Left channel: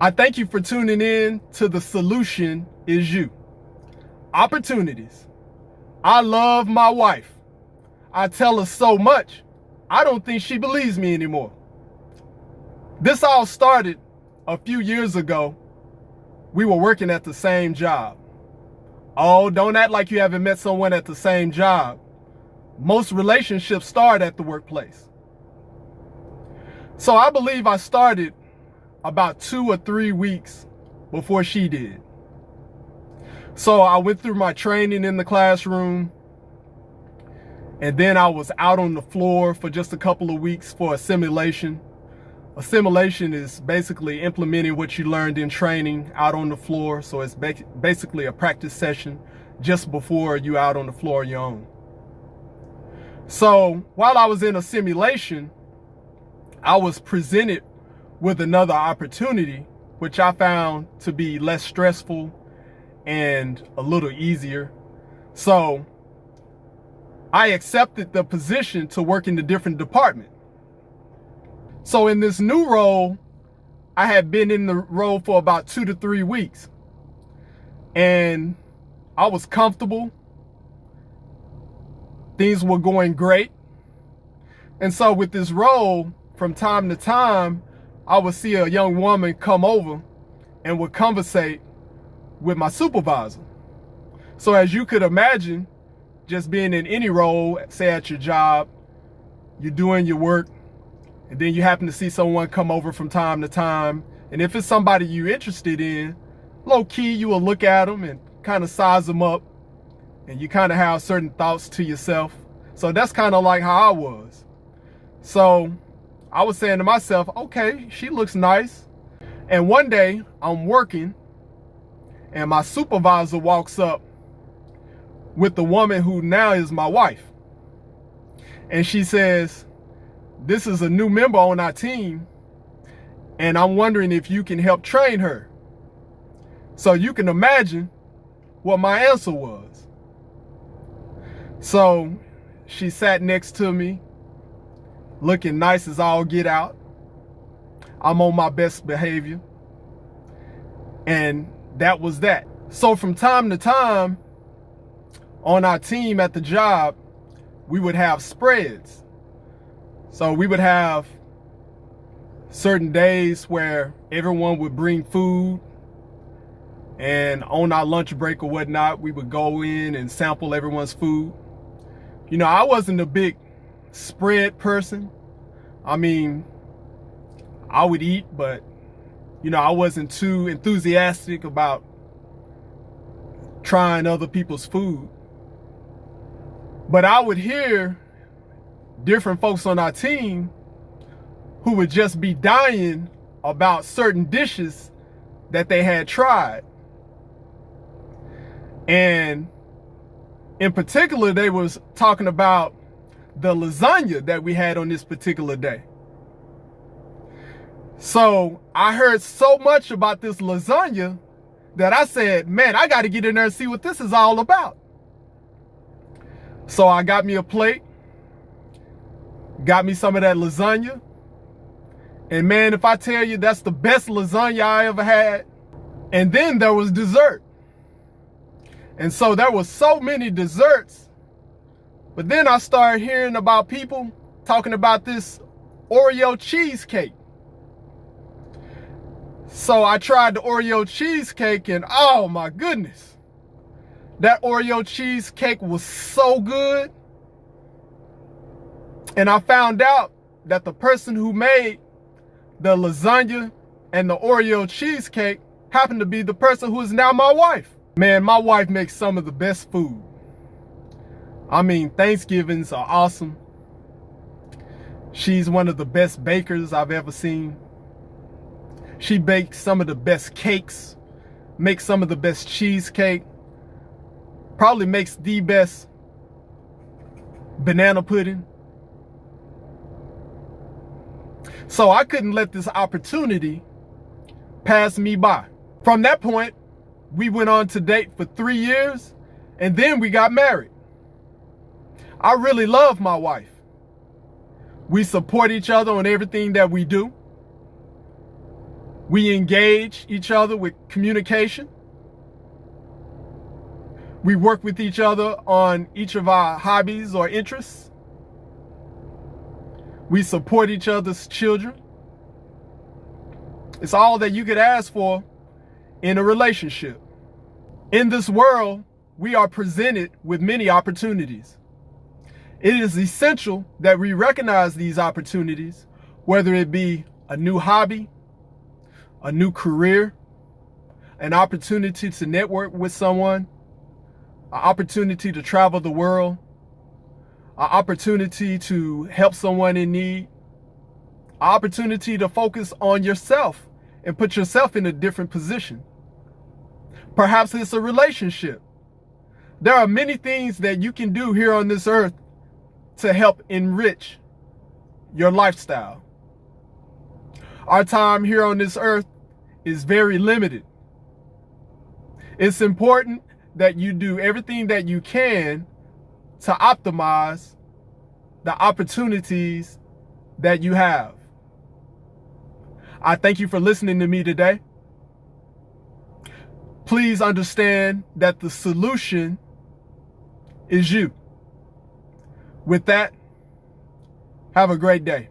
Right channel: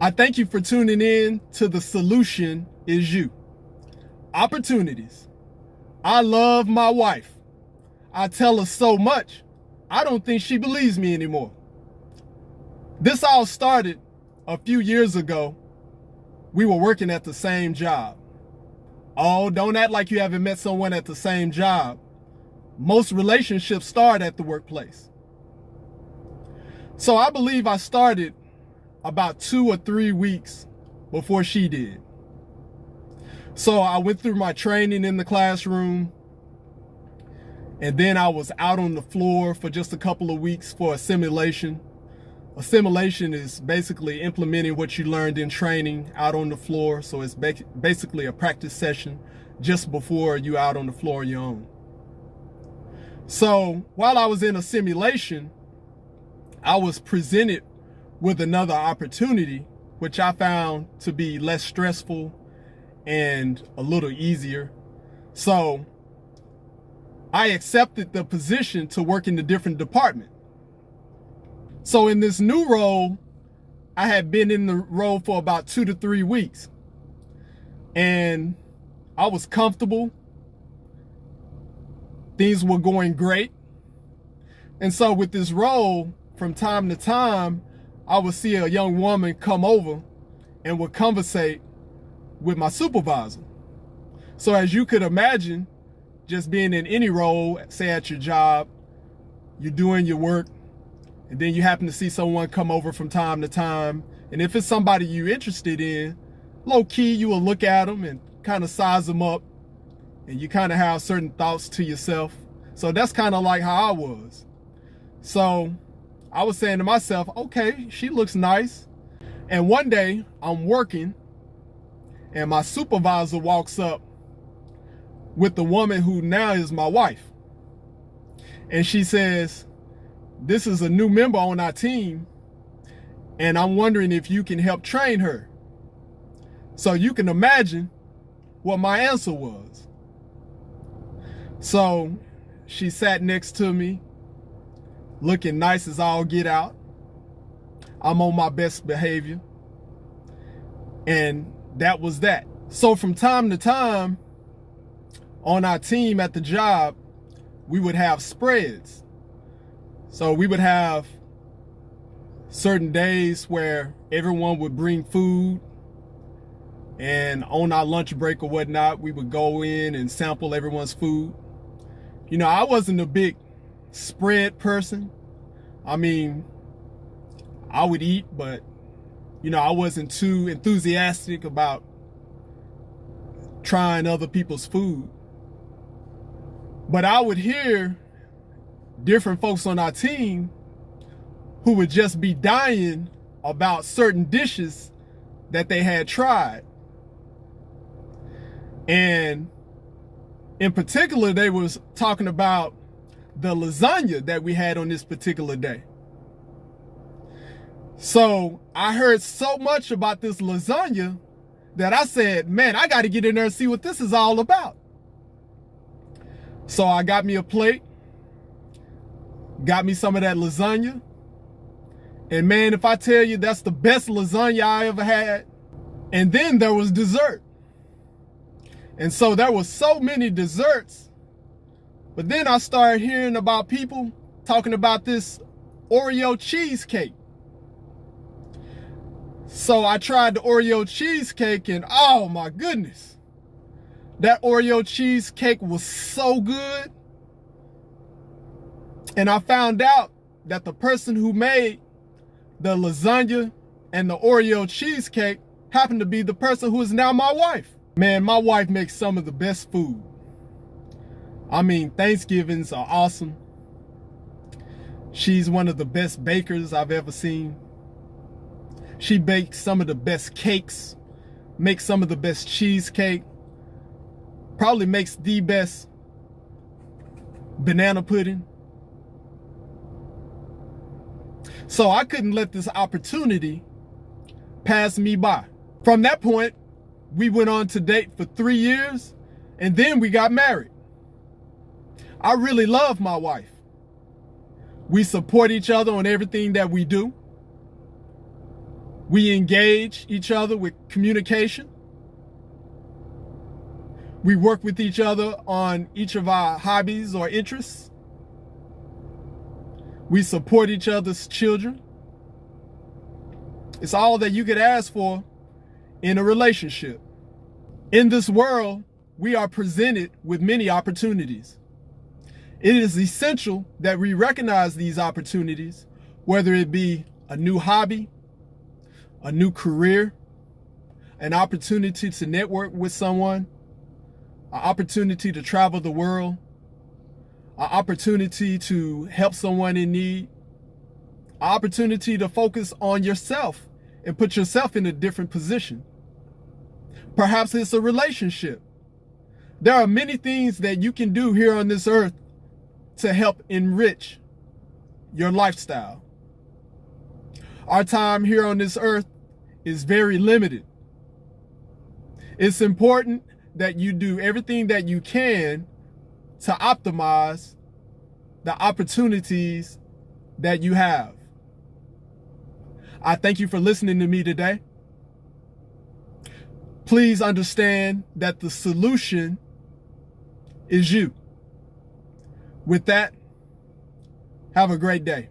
I thank you for tuning in to The Solution Is You. Opportunities. I love my wife. I tell her so much, I don't think she believes me anymore. This all started a few years ago. We were working at the same job. Oh, don't act like you haven't met someone at the same job. Most relationships start at the workplace. So I believe I started about 2 or 3 weeks before she did. So I went through my training in the classroom, and then I was out on the floor for just a couple of weeks for a simulation. A simulation is basically implementing what you learned in training out on the floor. So it's basically a practice session just before you out on the floor on your own. So while I was in a simulation, I was presented with another opportunity, which I found to be less stressful and a little easier. So I accepted the position to work in a different department. So in this new role, I had been in the role for about 2 to 3 weeks, and I was comfortable. Things were going great. And so with this role, from time to time, I would see a young woman come over and would conversate with my supervisor. So as you could imagine, just being in any role, say at your job, you're doing your work, and then you happen to see someone come over from time to time. And if it's somebody you're interested in, low key, you will look at them and kind of size them up, and you kind of have certain thoughts to yourself. So that's kind of like how I was. So I was saying to myself, okay, she looks nice. And one day I'm working, and my supervisor walks up with the woman who now is my wife. And she says, "This is a new member on our team, and I'm wondering if you can help train her." So you can imagine what my answer was. So she sat next to me, looking nice as all get out. I'm on my best behavior. And that was that. So from time to time on our team at the job, we would have spreads. So we would have certain days where everyone would bring food, and on our lunch break or whatnot, we would go in and sample everyone's food. You know, I wasn't a big spread person. I mean, I would eat, but you know, I wasn't too enthusiastic about trying other people's food. But I would hear different folks on our team who would just be dying about certain dishes that they had tried. And in particular, they was talking about the lasagna that we had on this particular day. So I heard so much about this lasagna that I said, man, I got to get in there and see what this is all about. So I got me a plate, got me some of that lasagna. And man, if I tell you, that's the best lasagna I ever had. And then there was dessert. And so there was so many desserts. But then I started hearing about people talking about this Oreo cheesecake. So I tried the Oreo cheesecake, and oh my goodness, that Oreo cheesecake was so good. And I found out that the person who made the lasagna and the Oreo cheesecake happened to be the person who is now my wife. Man, my wife makes some of the best food. I mean, Thanksgivings are awesome. She's one of the best bakers I've ever seen. She bakes some of the best cakes, makes some of the best cheesecake, probably makes the best banana pudding. So I couldn't let this opportunity pass me by. From that point, we went on to date for 3 years, and then we got married. I really love my wife. We support each other on everything that we do. We engage each other with communication. We work with each other on each of our hobbies or interests. We support each other's children. It's all that you could ask for in a relationship. In this world, we are presented with many opportunities. It is essential that we recognize these opportunities, whether it be a new hobby, a new career, an opportunity to network with someone, an opportunity to travel the world, an opportunity to help someone in need, an opportunity to focus on yourself and put yourself in a different position. Perhaps it's a relationship. There are many things that you can do here on this earth to help enrich your lifestyle. Our time here on this earth is very limited. It's important that you do everything that you can to optimize the opportunities that you have. I thank you for listening to me today. Please understand that the solution is you. With that, have a great day.